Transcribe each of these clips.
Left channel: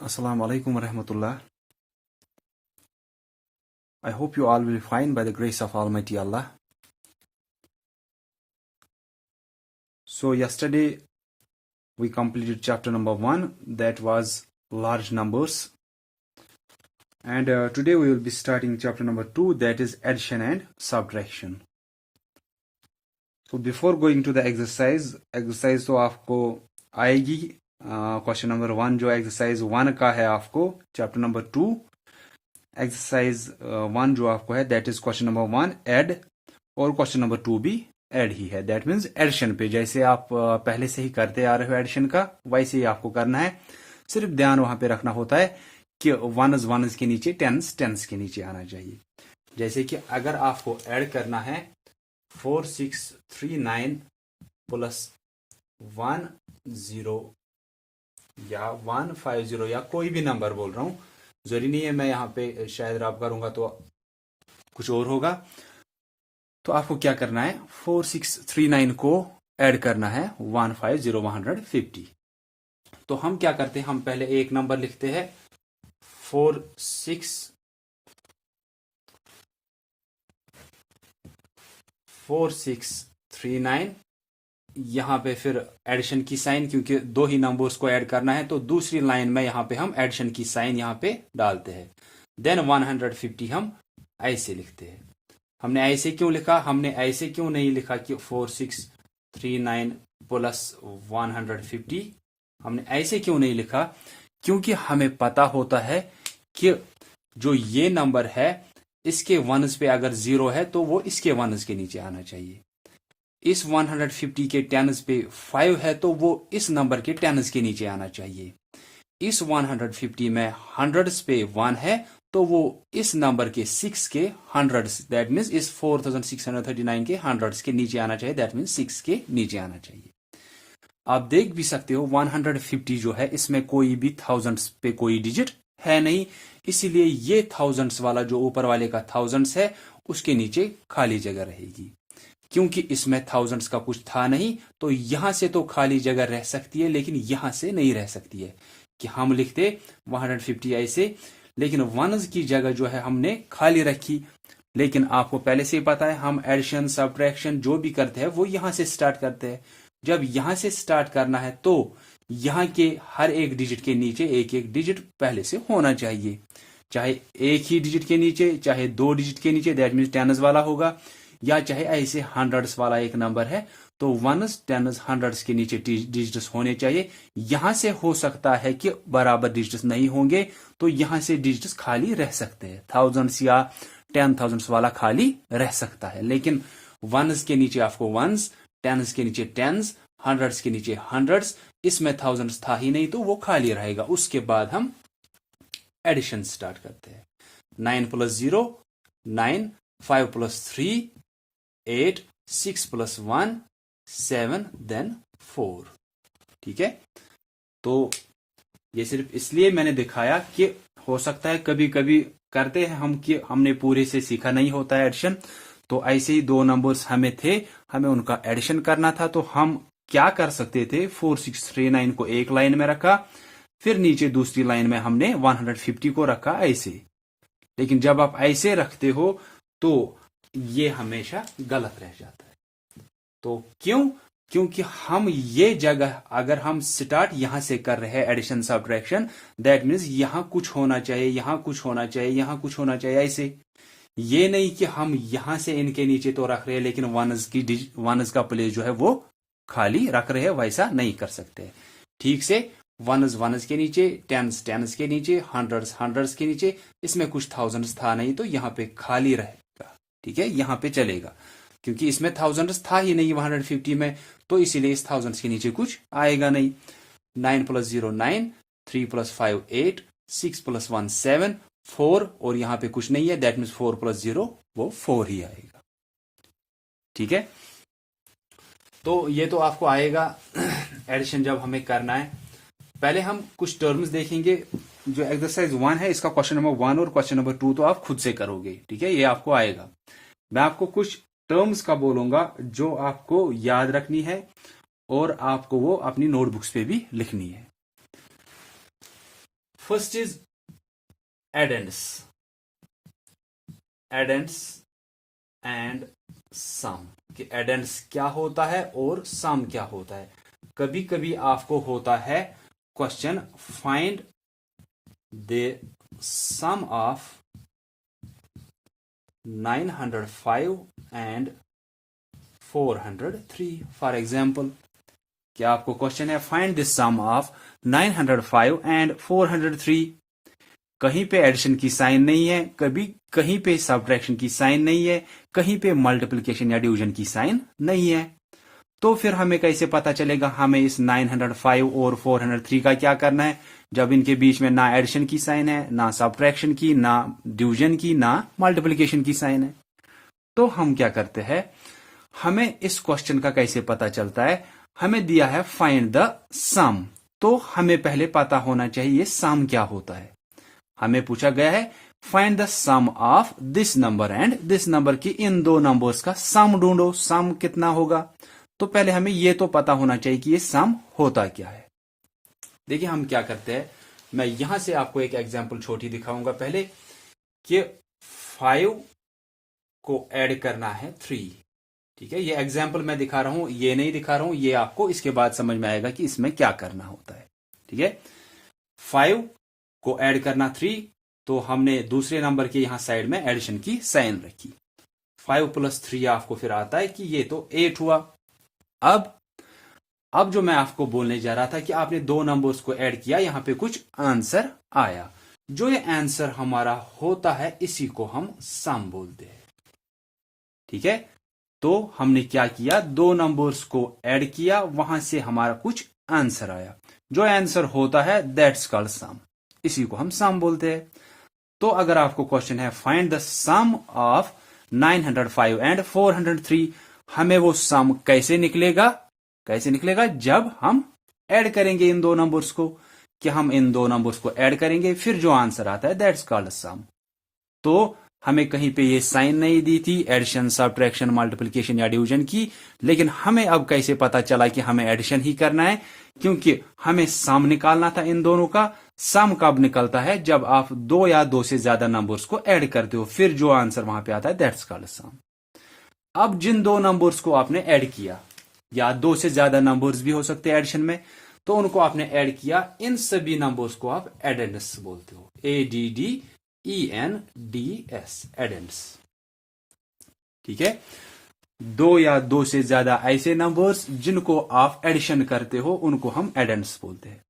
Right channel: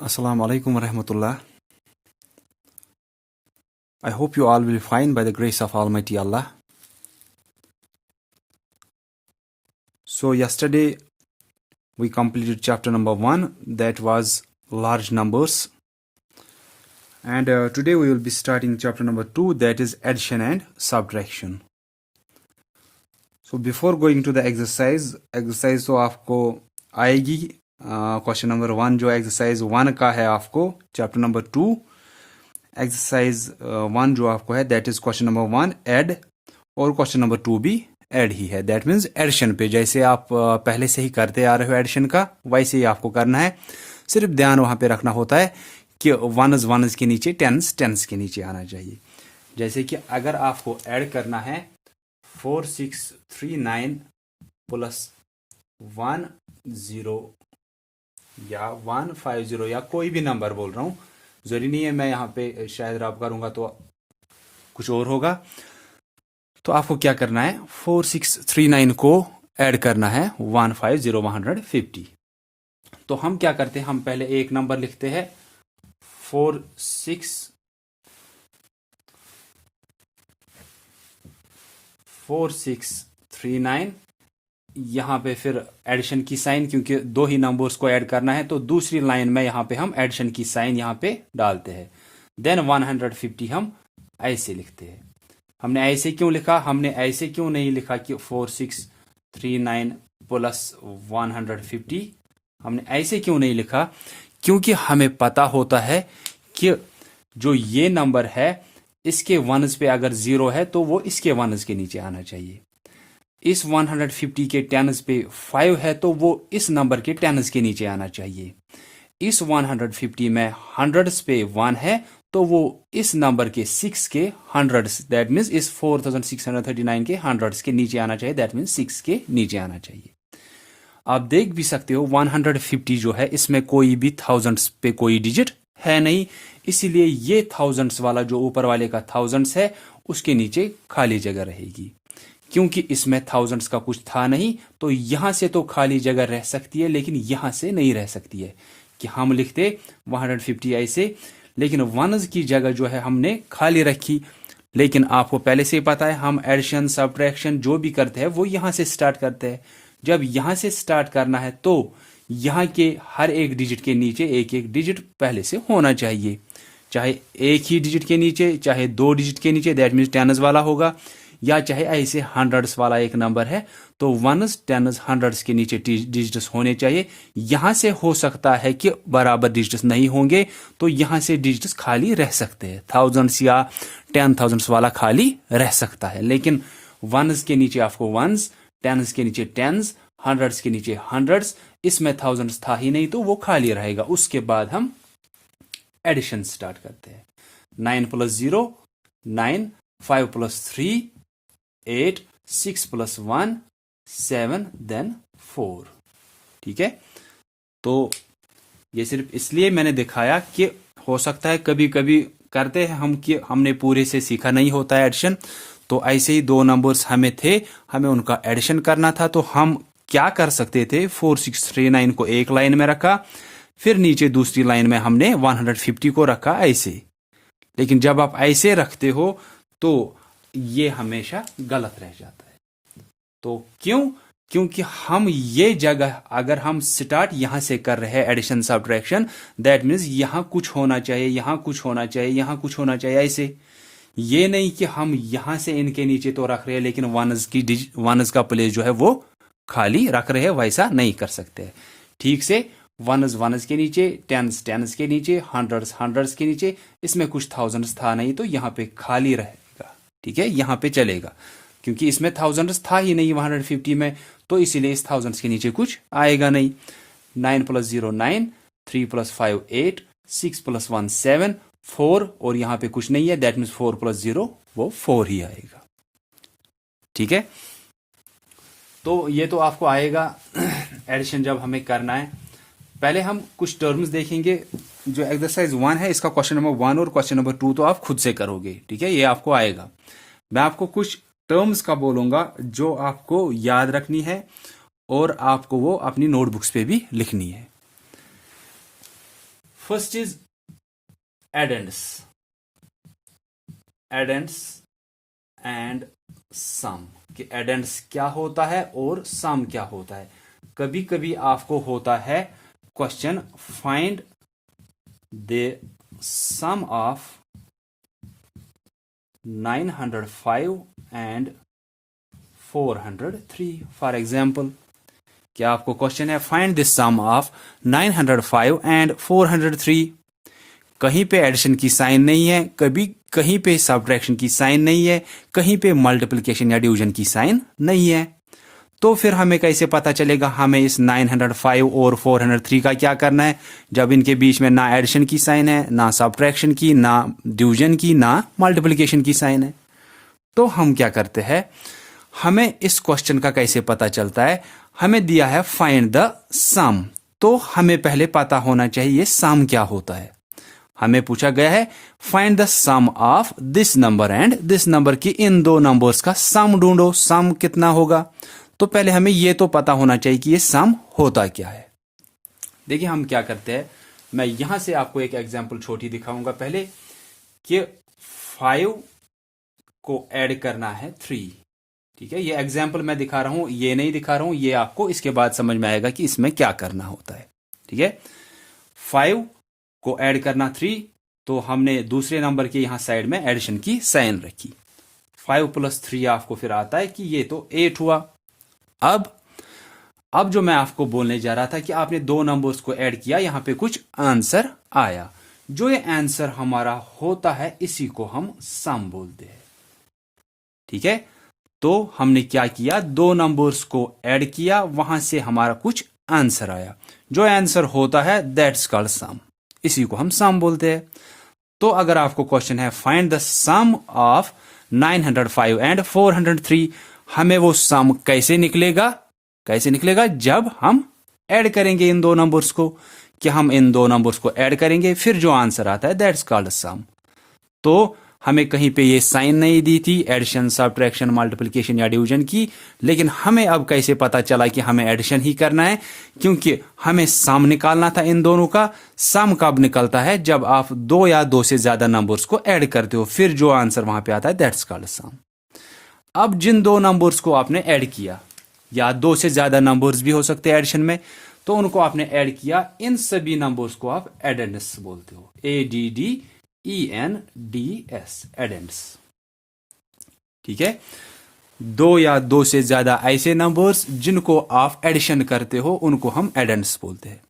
Assalamu alaikum wa rahmatullah. I hope you all will be fine by the grace of Almighty Allah. So yesterday we completed chapter number 1, that was large numbers, and today we will be starting chapter number 2, that is addition and subtraction. So before going to the exercise तो आपको आएगी question number 1 जो exercise 1 का है आपको chapter number 2, exercise 1 जो आपको है that is question number 1 add, और क्वेश्चन नंबर 2 भी ऐड ही है, दैट मीन्स एडिशन पे जैसे आप पहले से ही करते आ रहे हो एडिशन का वैसे ही आपको करना है। सिर्फ ध्यान वहां पे रखना होता है कि वनस के नीचे टेंस के नीचे आना चाहिए। जैसे कि अगर आपको ऐड करना है 4639 प्लस 10 या 150 या कोई भी नंबर बोल रहा हूं, जरूरी नहीं है मैं यहाँ पे शायद रब करूंगा तो कुछ और होगा। तो आपको क्या करना है 4639 को ऐड करना है 150 तो हम क्या करते हैं, हम पहले एक नंबर लिखते हैं 4639, यहां पे फिर एडिशन की साइन, क्योंकि दो ही नंबर्स को ऐड करना है तो दूसरी लाइन में यहां पे हम एडिशन की साइन यहां पे डालते हैं। देन 150 हम ऐसे लिखते हैं। हमने ऐसे क्यों लिखा, हमने ऐसे क्यों नहीं लिखा कि 4639 प्लस 150, हमने ऐसे क्यों नहीं लिखा, क्योंकि हमें पता होता है कि जो ये नंबर है इसके वनस पे अगर 0 है तो वो इसके वनस के नीचे आना चाहिए। इस 150 के टेंस पे 5 है तो वो इस नंबर के टेंस के नीचे आना चाहिए। इस 150 में हंड्रेड्स पे 1 है तो वो इस नंबर के 6 के हंड्रेड्स, दैट मीन्स इस 4639 के हंड्रेड्स के नीचे आना चाहिए, दैट मीन्स 6 के नीचे आना चाहिए। आप देख भी सकते हो 150 जो है इसमें कोई भी थाउजेंड्स पे कोई डिजिट है नहीं, इसीलिए ये थाउजेंड्स वाला जो ऊपर वाले का थाउजेंड्स है उसके नीचे खाली जगह रहेगी। क्योंकि इसमें थाउजेंड्स का कुछ था नहीं तो यहां से तो खाली जगह रह सकती है लेकिन यहां से नहीं रह सकती है कि हम लिखते 150 ऐसे, लेकिन वनस की जगह जो है हमने खाली रखी। लेकिन आपको पहले से ही पता है हम एडिशन सब्ट्रैक्शन जो भी करते हैं वो यहां से स्टार्ट करते हैं। जब यहां से स्टार्ट करना है तो यहां के हर एक डिजिट के नीचे एक एक डिजिट पहले से होना चाहिए, चाहे एक ही डिजिट के नीचे चाहे 2 डिजिट के नीचे, दैट मीन्स टेंस वाला होगा, या चाहे ऐसे हंड्रेड्स वाला एक नंबर है तो वनस टेंस हंड्रेड्स के नीचे डिजिट्स होने चाहिए। यहां से हो सकता है कि बराबर डिजिट्स नहीं होंगे तो यहां से डिजिट्स खाली रह सकते हैं, थाउजेंड्स या 10,000 वाला खाली रह सकता है, लेकिन वनस के नीचे आपको वंस, टेंस के नीचे टेंस, हंड्रेड्स के नीचे हंड्रेड्स, इसमें थाउजेंड्स था ही नहीं तो वो खाली रहेगा। उसके बाद हम एडिशन स्टार्ट करते हैं। 9 प्लस 0 9, 5 प्लस 3 8, 6 प्लस 1 7, देन 4। ठीक है, तो ये सिर्फ इसलिए मैंने दिखाया कि हो सकता है कभी कभी करते हैं हम कि हमने पूरे से सीखा नहीं होता है एडिशन, तो ऐसे ही 2 नंबर्स हमें थे, हमें उनका एडिशन करना था तो हम क्या कर सकते थे 4639 को एक लाइन में रखा, फिर नीचे दूसरी लाइन में हमने 150 को रखा ऐसे। लेकिन जब आप ऐसे रखते हो तो ये हमेशा गलत रह जाता है। तो क्यों, क्योंकि हम ये जगह अगर हम स्टार्ट यहां से कर रहे हैं एडिशन सब्ट्रैक्शन, दैट मीन्स यहां कुछ होना चाहिए, यहां कुछ होना चाहिए, यहां कुछ होना चाहिए ऐसे। ये नहीं कि हम यहां से इनके नीचे तो रख रहे हैं लेकिन वनस का प्लेस जो है वो खाली रख रहे हैं, वैसा नहीं कर सकते। ठीक से वनस के नीचे, टेंस के नीचे, हंड्रेड्स के नीचे, इसमें कुछ थाउजेंड्स था नहीं तो यहां पे खाली रहेगा। ठीक है, यहां पे चलेगा क्योंकि इसमें थाउजेंड्स था ही नहीं 150 में, तो इसीलिए इस थाउजेंड्स के नीचे कुछ आएगा नहीं। 9 प्लस 0 9, 3 प्लस 5 8, 6 प्लस 1 7, 4, और यहां पे कुछ नहीं है, दैट मीन्स 4 प्लस 0 वो 4 ही आएगा। ठीक है, तो ये तो आपको आएगा एडिशन जब हमें करना है। पहले हम कुछ टर्म्स देखेंगे। जो एक्सरसाइज 1 है इसका क्वेश्चन नंबर 1 और क्वेश्चन नंबर 2 तो आप खुद से करोगे, ठीक है, ये आपको आएगा। मैं आपको कुछ टर्म्स का बोलूंगा जो आपको याद रखनी है और आपको वो अपनी नोटबुक्स पे भी लिखनी है। फर्स्ट इज एडेंड्स एंड सम, कि एडेंड्स क्या होता है और सम क्या होता है। कभी कभी आपको होता है question, find the sum of 905 and 403। For example, क्या आपको क्वेश्चन है find the sum of 905 and 403। कहीं पे एडिशन की साइन नहीं है, कभी कहीं पे सब्ट्रैक्शन की साइन नहीं है, कहीं पे मल्टीप्लिकेशन या डिवीजन की साइन नहीं है। तो फिर हमें कैसे पता चलेगा हमें इस 905 और 403 का क्या करना है, जब इनके बीच में ना एडिशन की साइन है, ना सब्ट्रैक्शन की, ना डिवीजन की, ना मल्टीप्लिकेशन की साइन है। तो हम क्या करते हैं, हमें इस क्वेश्चन का कैसे पता चलता है, हमें दिया है फाइंड द सम, तो हमें पहले पता होना चाहिए सम क्या होता है। हमें पूछा गया है find the sum of this number and this number, की इन दो नंबर्स का सम ढूंढो, सम कितना होगा। तो पहले हमें यह तो पता होना चाहिए कि ये सम होता क्या है। देखिए हम क्या करते हैं, मैं यहां से आपको एक एग्जांपल छोटी दिखाऊंगा पहले, कि 5 को ऐड करना है 3। ठीक है, ये एग्जाम्पल मैं दिखा रहा हूं, ये नहीं दिखा रहा हूं, ये आपको इसके बाद समझ में आएगा कि इसमें क्या करना होता है। ठीक है, 5 को ऐड करना 3, तो हमने दूसरे नंबर के यहां साइड में एडिशन की साइन रखी। 5 + 3 आपको फिर आता है कि ये तो 8 हुआ। अब जो मैं आपको बोलने जा रहा था कि आपने दो नंबर्स को ऐड किया, यहां पे कुछ आंसर आया, जो ये आंसर हमारा होता है इसी को हम सम बोलते हैं। ठीक है, तो हमने क्या किया, दो नंबर्स को ऐड किया, वहां से हमारा कुछ आंसर आया, जो आंसर होता है दैट्स कॉल्ड सम, इसी को हम सम बोलते हैं। तो अगर आपको क्वेश्चन है find the sum of 905 and 403, हमें वो सम कैसे निकलेगा, जब हम ऐड करेंगे इन दो नंबर्स को, कि हम इन दो नंबर्स को ऐड करेंगे, फिर जो आंसर आता है दैट्स कॉल्ड सम। तो हमें कहीं पे ये साइन नहीं दी थी एडिशन, सब्ट्रैक्शन, मल्टीप्लिकेशन या डिवीजन की, लेकिन हमें अब कैसे पता चला कि हमें एडिशन ही करना है, क्योंकि हमें सम निकालना था इन दोनों का। सम कब निकलता है, जब आप दो या दो से ज्यादा नंबर्स को ऐड करते हो, फिर जो आंसर वहां पे आता है दैट्स कॉल्ड सम। अब जिन दो नंबर्स को आपने ऐड किया, या दो से ज्यादा नंबर्स भी हो सकते हैं एडिशन में, तो उनको आपने ऐड किया, इन सभी नंबर्स को आप एडेंड्स बोलते हो, ADDENDS, एडेंड्स। ठीक है, दो या दो से ज्यादा ऐसे नंबर्स जिनको आप एडिशन करते हो, उनको हम एडेंड्स बोलते हैं।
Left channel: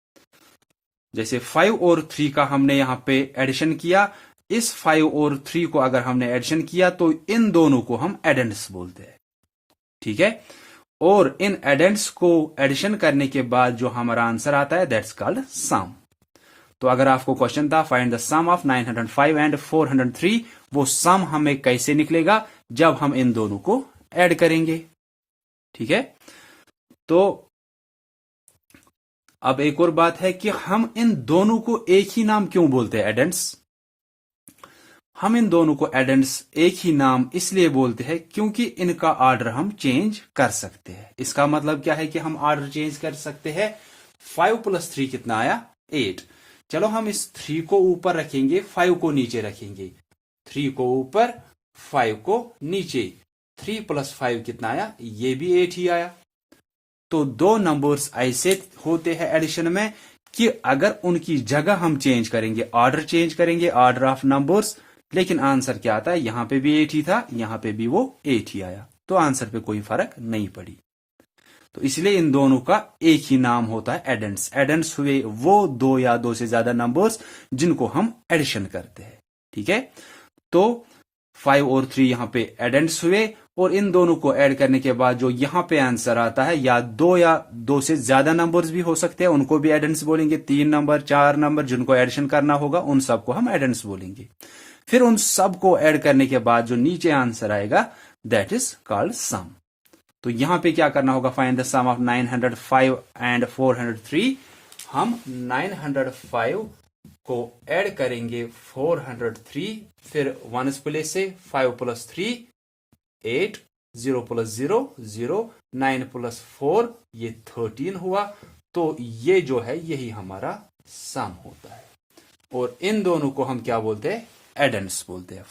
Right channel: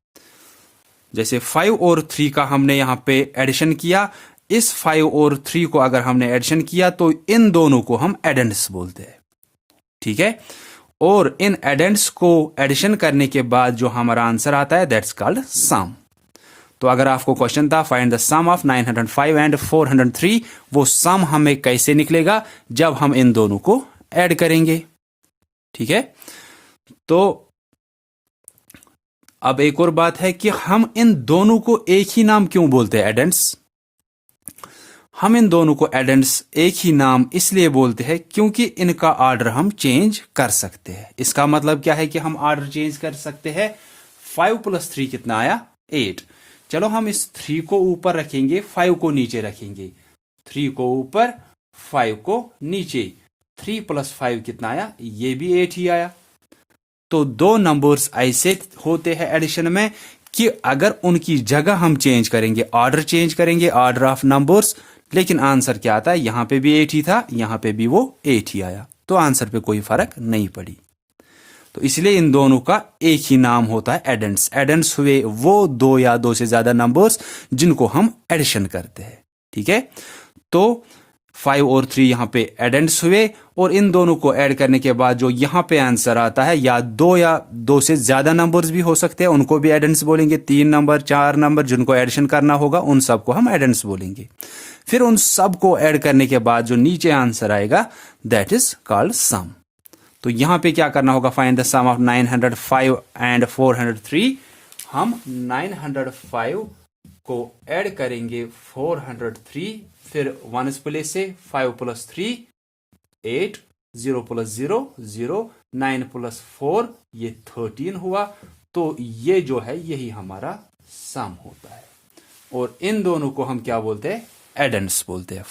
जैसे 5 और 3 का हमने यहां पे एडिशन किया, इस 5 और 3 को अगर हमने एडिशन किया तो इन दोनों को हम एडेंड्स बोलते हैं। ठीक है, और इन एडेंड्स को एडिशन करने के बाद जो हमारा आंसर आता है दैट्स कॉल्ड सम। तो अगर आपको क्वेश्चन था find the sum of 905 and 403, वो सम हमें कैसे निकलेगा, जब हम इन दोनों को ऐड करेंगे। ठीक है, तो अब एक और बात है कि हम इन दोनों को एक ही नाम क्यों बोलते हैं, एडेंड्स। हम इन दोनों को एडेंड्स एक ही नाम इसलिए बोलते हैं क्योंकि इनका ऑर्डर हम चेंज कर सकते हैं। इसका मतलब क्या है कि हम ऑर्डर चेंज कर सकते हैं। 5 + 3 कितना आया, 8। चलो हम इस 3 को ऊपर रखेंगे, 5 को नीचे रखेंगे। 3 को ऊपर, 5 को नीचे, 3 + 5 कितना आया, ये भी 8 ही आया। तो दो नंबर्स ऐसे होते हैं एडिशन में कि अगर उनकी जगह हम चेंज करेंगे, ऑर्डर चेंज करेंगे, ऑर्डर ऑफ नंबर्स, लेकिन आंसर क्या आता है, यहां पे भी 8 ही था, यहां पे भी वो 8 ही आया, तो आंसर पे कोई फर्क नहीं पड़ी। तो इसलिए इन दोनों का एक ही नाम होता है एडेंड्स। एडेंड्स हुए वो दो या दो से ज्यादा नंबर्स जिनको हम एडिशन करते हैं। ठीक है, तो 5 और 3 यहां पे एडेंड्स हुए, और इन दोनों को ऐड करने के बाद जो यहां पे आंसर आता है, या दो से ज्यादा नंबर्स भी हो सकते हैं, उनको भी एडेंड्स बोलेंगे। 3 नंबर, 4 नंबर जिनको एडिशन करना होगा, उन सबको हम एडेंड्स बोलेंगे। फिर उन सब को ऐड करने के बाद जो नीचे आंसर आएगा दैट इज कॉल्ड सम। तो यहां पे क्या करना होगा, find the sum of 905 and 403। हम 905 को ऐड करेंगे 403, फिर 1 प्लेस से 5 + 3 8, 0 + 0 0, 9 + 4 ये 13 हुआ। तो ये जो है यही हमारा सम होता है। और इन दोनों को हम क्या बोलते हैं, एडेंड्स बोलते हैं।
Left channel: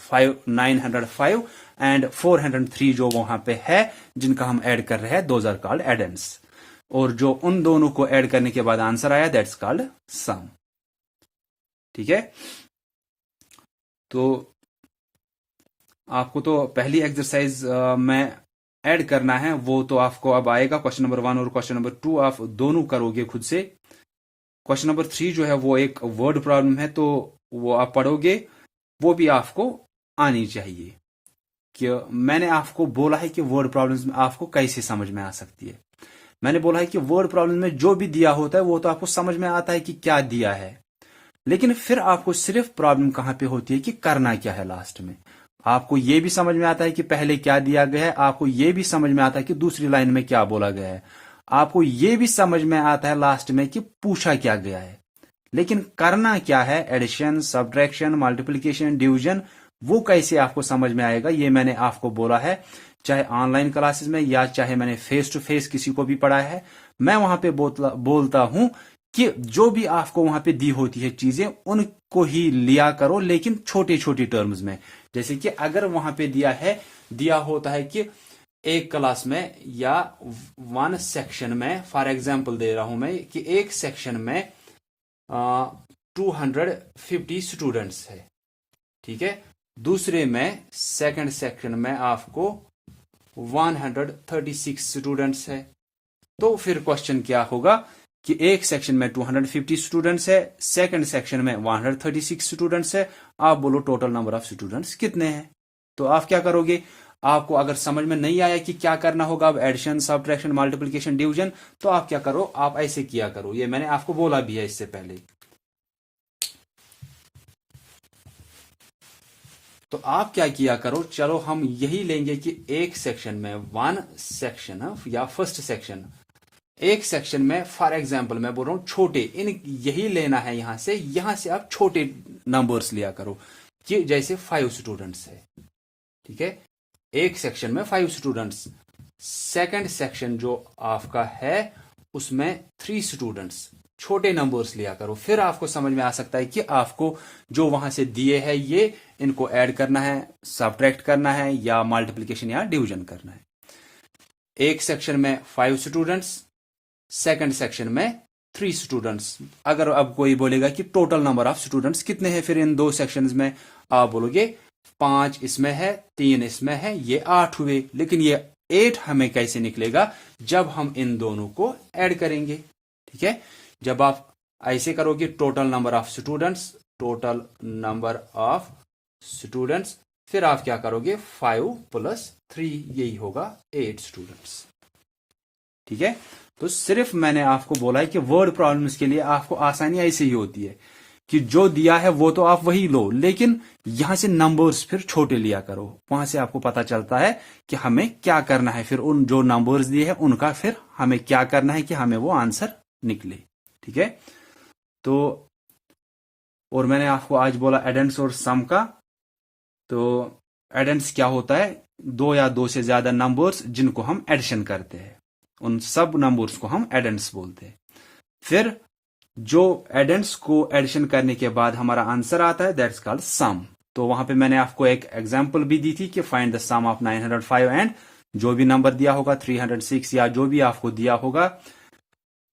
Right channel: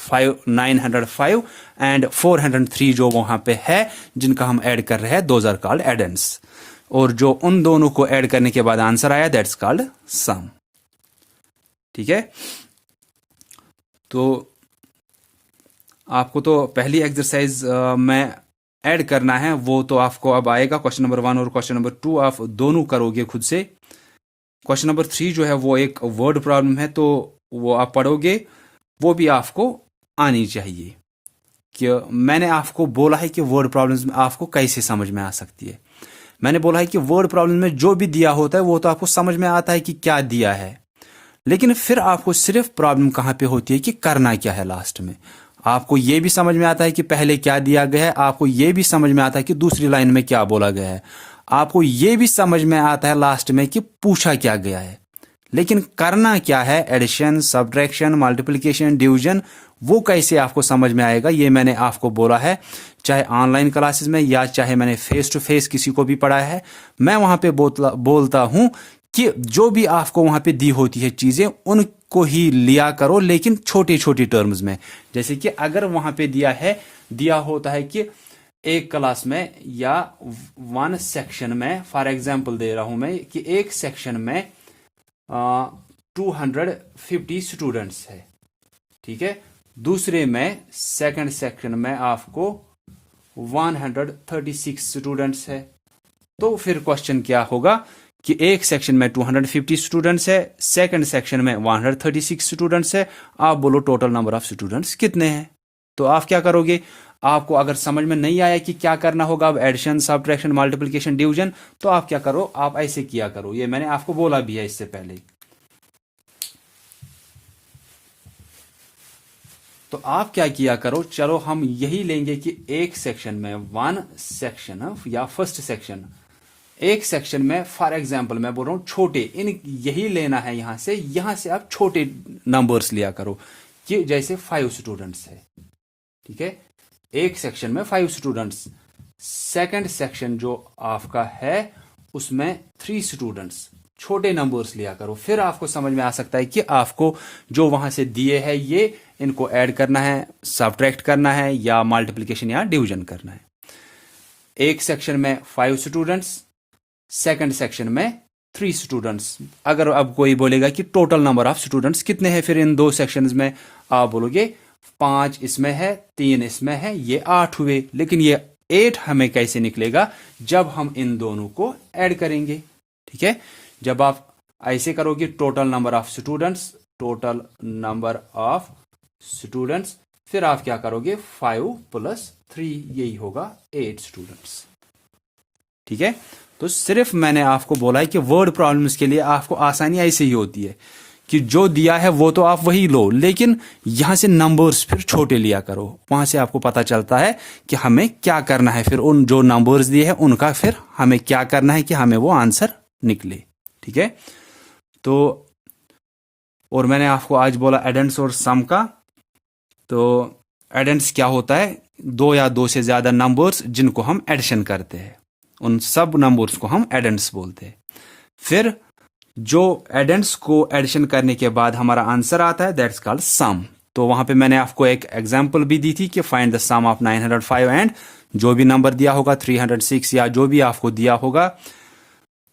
905 एंड 403 जो वहां पे है जिनका हम ऐड कर रहे हैं, दोज आर कॉल्ड एडेंड्स। और जो उन दोनों को ऐड करने के बाद आंसर आया, दैट्स कॉल्ड सम। ठीक है, तो आपको तो पहली एक्सरसाइज में ऐड करना है, वो तो आपको अब आएगा। क्वेश्चन नंबर 1 और क्वेश्चन नंबर 2 आप दोनों करोगे खुद से। क्वेश्चन नंबर 3 जो है वो एक वर्ड प्रॉब्लम है, तो वो आप पढ़ोगे, वो भी आपको आनी चाहिए। कि मैंने आपको बोला है कि वर्ड प्रॉब्लम्स में आपको कैसे समझ में आ सकती है। मैंने बोला है कि वर्ड प्रॉब्लम में जो भी दिया होता है वो तो आपको समझ में आता है कि क्या दिया है, लेकिन फिर आपको सिर्फ प्रॉब्लम कहां पे होती है कि करना क्या है लास्ट में। आपको यह भी समझ में आता है कि पहले क्या दिया गया है, आपको यह भी समझ में आता है कि दूसरी लाइन में क्या बोला गया है, आपको यह भी समझ में आता है लास्ट में कि पूछा क्या गया है, लेकिन करना क्या है, एडिशन, सब्ट्रैक्शन, मल्टीप्लिकेशन, डिवीजन, वो कैसे आपको समझ में आएगा, ये मैंने आपको बोला है। चाहे ऑनलाइन क्लासेस में या चाहे मैंने फेस टू फेस किसी को भी पढ़ाया है, मैं वहां पे बोलता हूं कि जो भी आपको वहां पे दी होती है चीजें, उनको ही लिया करो, लेकिन छोटे छोटे टर्म्स में। जैसे कि अगर वहां पे दिया होता है कि एक क्लास में या वन सेक्शन में, फॉर एग्जाम्पल दे रहा हूं मैं कि एक सेक्शन में 250 स्टूडेंट्स है, ठीक है। दूसरे में सेकंड सेक्शन में आपको 136 स्टूडेंट्स है। तो फिर क्वेश्चन क्या होगा कि एक सेक्शन में 250 स्टूडेंट्स है, सेकंड सेक्शन में 136 स्टूडेंट्स है। आप बोलो टोटल नंबर ऑफ स्टूडेंट्स कितने हैं। तो आप क्या करोगे, आपको अगर समझ में नहीं आया कि क्या करना होगा, अब एडिशन, सब्ट्रैक्शन, मल्टीप्लिकेशन, डिवीजन, तो आप क्या करो, आप ऐसे किया करो। ये मैंने आपको बोला भी है इससे पहले। तो आप क्या किया करो, चलो हम यही लेंगे कि एक सेक्शन में, वन सेक्शन या फर्स्ट सेक्शन, एक सेक्शन में फॉर एग्जाम्पल मैं बोल रहा हूं छोटे, इन यही लेना है, यहां से आप छोटे नंबर्स लिया करो कि जैसे 5 स्टूडेंट्स है, ठीक है। एक सेक्शन में 5 स्टूडेंट्स, सेकंड सेक्शन जो आपका है उसमें 3 स्टूडेंट्स, छोटे नंबर्स लिया करो। फिर आपको समझ में आ सकता है कि आपको जो वहां से दिए हैं ये इनको ऐड करना है, सब्ट्रैक्ट करना है, या मल्टीप्लिकेशन या डिवीजन करना है। एक सेक्शन में 5 स्टूडेंट्स, सेकंड सेक्शन में 3 स्टूडेंट्स। अगर अब कोई बोलेगा कि टोटल नंबर ऑफ स्टूडेंट्स कितने हैं, फिर इन दो सेक्शंस में आप बोलोगे 5 इसमें है, 3 इसमें है, ये 8 हुए। लेकिन ये 8 हमें कैसे निकलेगा, जब हम इन दोनों को ऐड करेंगे, ठीक है। जब आप ऐसे करोगे, total number of students, total number of students, फिर आप क्या करोगे, 5 + 3, यही होगा 8 स्टूडेंट्स, ठीक है। तो सिर्फ मैंने आपको बोला है कि वर्ड प्रॉब्लम्स के लिए आपको आसानी ऐसे ही होती है कि जो दिया है वो तो आप वही लो, लेकिन यहां से नंबर्स फिर छोटे लिया करो। वहां से आपको पता चलता है कि हमें क्या करना है, फिर उन जो नंबर्स दिए हैं उनका फिर हमें क्या करना है कि हमें वो आंसर निकले, ठीक है। तो और मैंने आपको आज बोला एडेंड्स और सम का। तो एडेंड्स क्या होता है, 2 या 2 से ज्यादा नंबर्स जिनको हम एडिशन करते हैं, उन सब नंबर्स को हम एडेंड्स बोलते हैं। फिर जो एडेंड्स को एडिशन करने के बाद हमारा आंसर आता है, दैट्स कॉल्ड सम। तो वहां पे मैंने आपको एक एग्जांपल भी दी थी कि find the sum of 905 and जो भी नंबर दिया होगा 306 या जो भी आपको दिया होगा,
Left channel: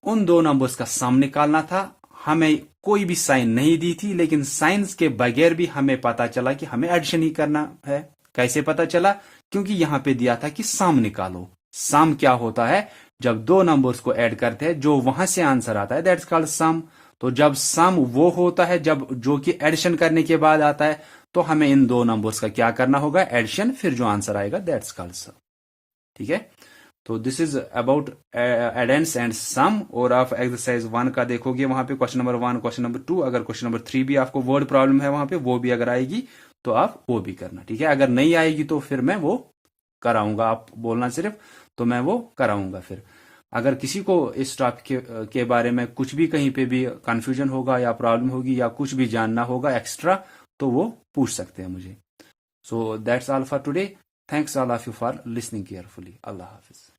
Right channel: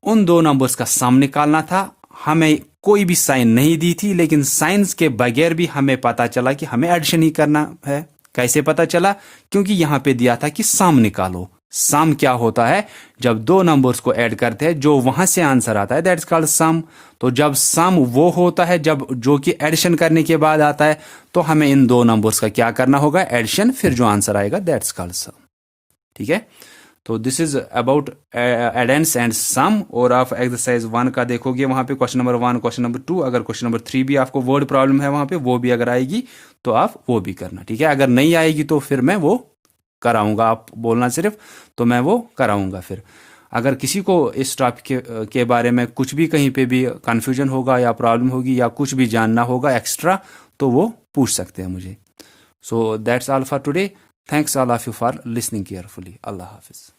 उन दो नंबर्स का सम निकालना था। हमें कोई भी साइन नहीं दी थी, लेकिन साइंस के बगैर भी हमें पता चला कि हमें एडिशन ही करना है। कैसे पता चला, क्योंकि यहां पे दिया था कि सम निकालो। सम क्या होता है, जब दो नंबर्स को ऐड करते हैं जो वहां से आंसर आता है, दैट्स कॉल्ड सम। तो जब सम वो होता है जब जो कि एडिशन करने के बाद आता है, तो हमें इन दो नंबर्स का क्या करना होगा, एडिशन, फिर जो आंसर आएगा दैट्स कॉल्ड सम, ठीक है। तो this is about addends and sum. और आप एक्सरसाइज 1 का देखोगे, वहां पे क्वेश्चन नंबर 1, क्वेश्चन नंबर 2, अगर क्वेश्चन नंबर 3 भी आपको वर्ड प्रॉब्लम है वहां पे, वो भी अगर आएगी तो आप वो भी करना, ठीक है। अगर नहीं आएगी तो फिर मैं वो कराऊंगा, आप बोलना सिर्फ, तो मैं वो कराऊंगा। फिर अगर किसी को इस टॉपिक के बारे में कुछ भी कहीं पे भी कंफ्यूजन होगा या प्रॉब्लम होगी या कुछ भी जानना होगा एक्स्ट्रा, तो वो पूछ सकते हैं मुझे। So that's all for today. Thanks all of you for listening carefully. Allah Hafiz.